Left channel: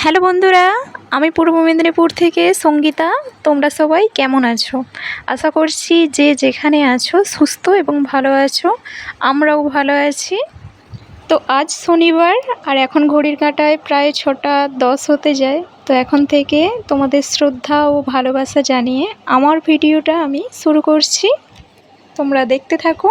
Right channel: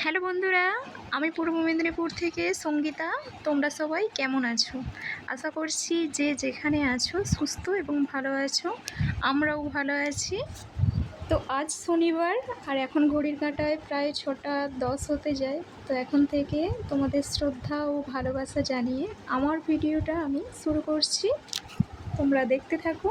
Hello বন্ধুরা, আমি পূর্ব মেদিনীপুর থেকে সঙ্গীতা। তোমরা সবাই কেমন আছো? আশা করছি যে যেখানে আছো সুস্থ এবং ভালো আছো। আমরাও ভালো আছি। তো আজ শনিবার আর এখন ঘড়ির কাঁটায় প্রায় 6টা 10 হতে যায়। তো এখন থেকে তোমাদের শ্রদ্ধা ও ভালোবাসা জানিয়ে আমার ভিডিওটা আমি শুরু করছি। তোমরা দেখতে থাকো।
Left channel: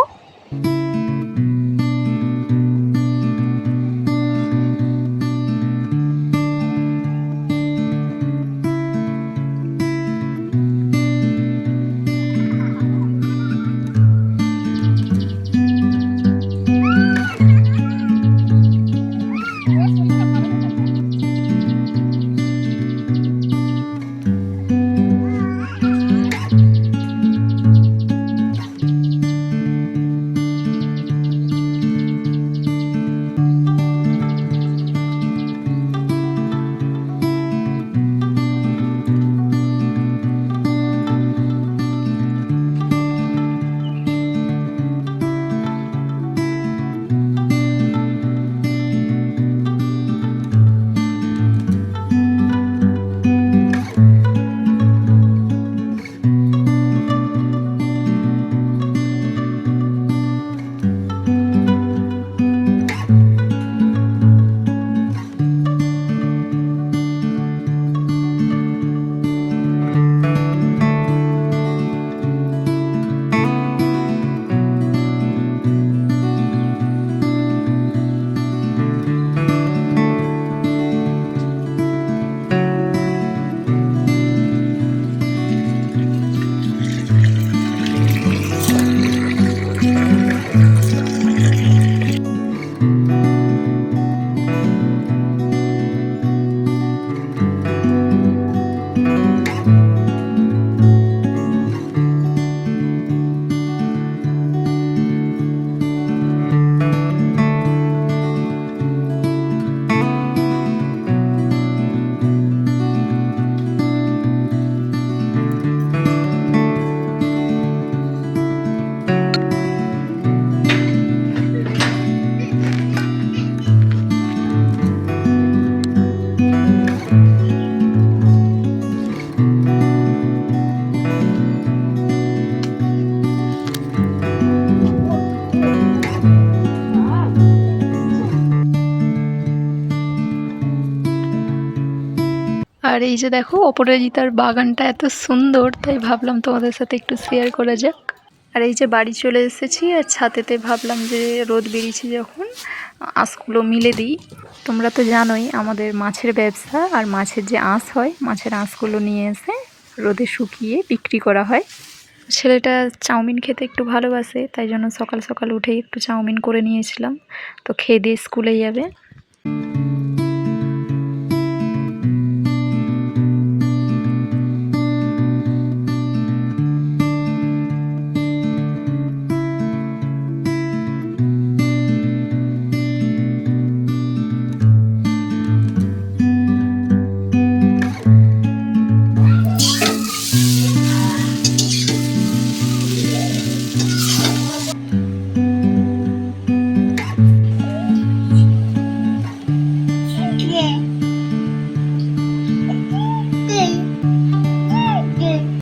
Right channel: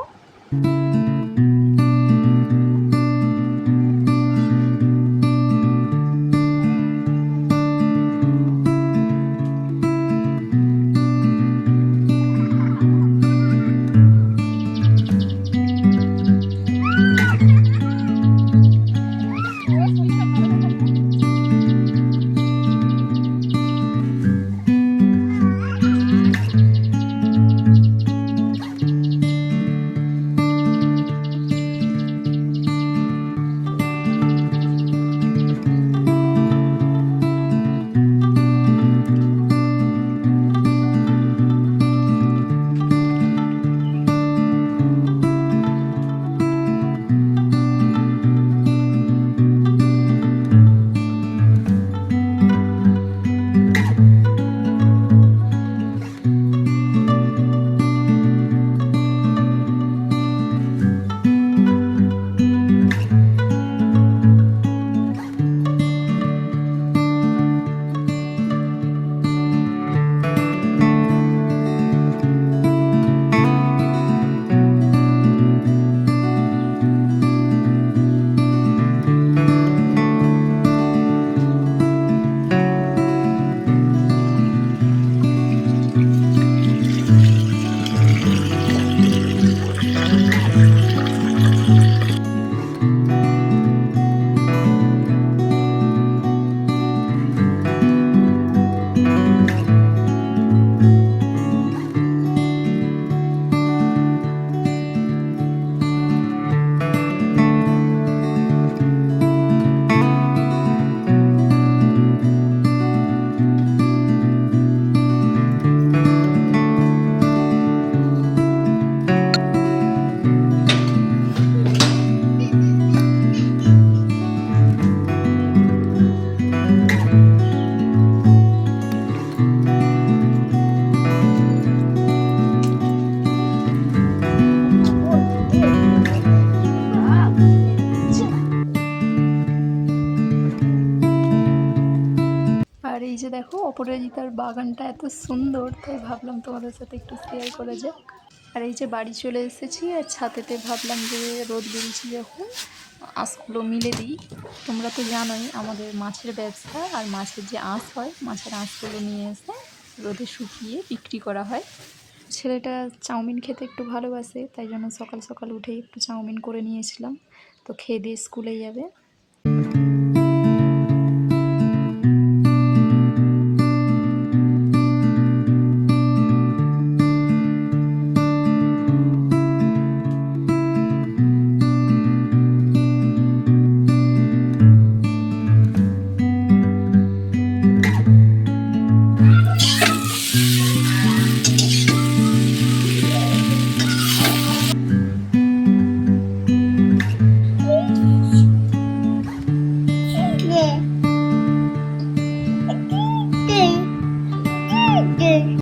আর এই যে দেখো অপরাজিতার বাগানটা এত সুন্দর, তাই ভাবলাম তোমাদের সাথে একটু শেয়ার করা যাক। আর এই যে বাড়ি চলে এসেছি, আর ছাদেতে ভাবলাম যে রোদ বেরিয়েছি যখন আঁশগুলো মিলে দিই। তোমরা তো জানোই আমাদের মাছের ব্যবসা, আর মাছের যে আঁশ হয়, মাছের আঁশগুলো নিয়ে এসে রোদে শুকিয়ে বিক্রি করা হয়। ছেলেটা চাউমিন খেতে একটু ভালোবাসে, তাই জন্য সকাল সকাল উঠেই একটু চাউমিন করে নিয়েছিলাম। তো খেয়ে দিয়ে স্কুলে যাবে।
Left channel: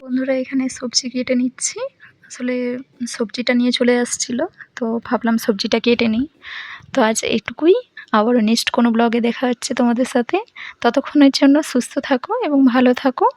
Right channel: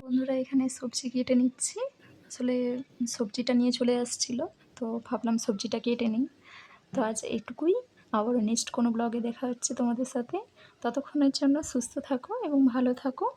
বন্ধুরা, এখানে সবজি কেটে নিচ্ছি। আসলে সবজিটা নিয়ে চলে আসছিল, তো ভাবলাম সবজিটা কেটে নিই। তো আজ এইটুকুই। আবারও নেক্সট কোনো ব্লগে দেখা হচ্ছে তোমাদের সাথে। ততক্ষণের জন্য সুস্থ থাকো এবং ভালো থাকো।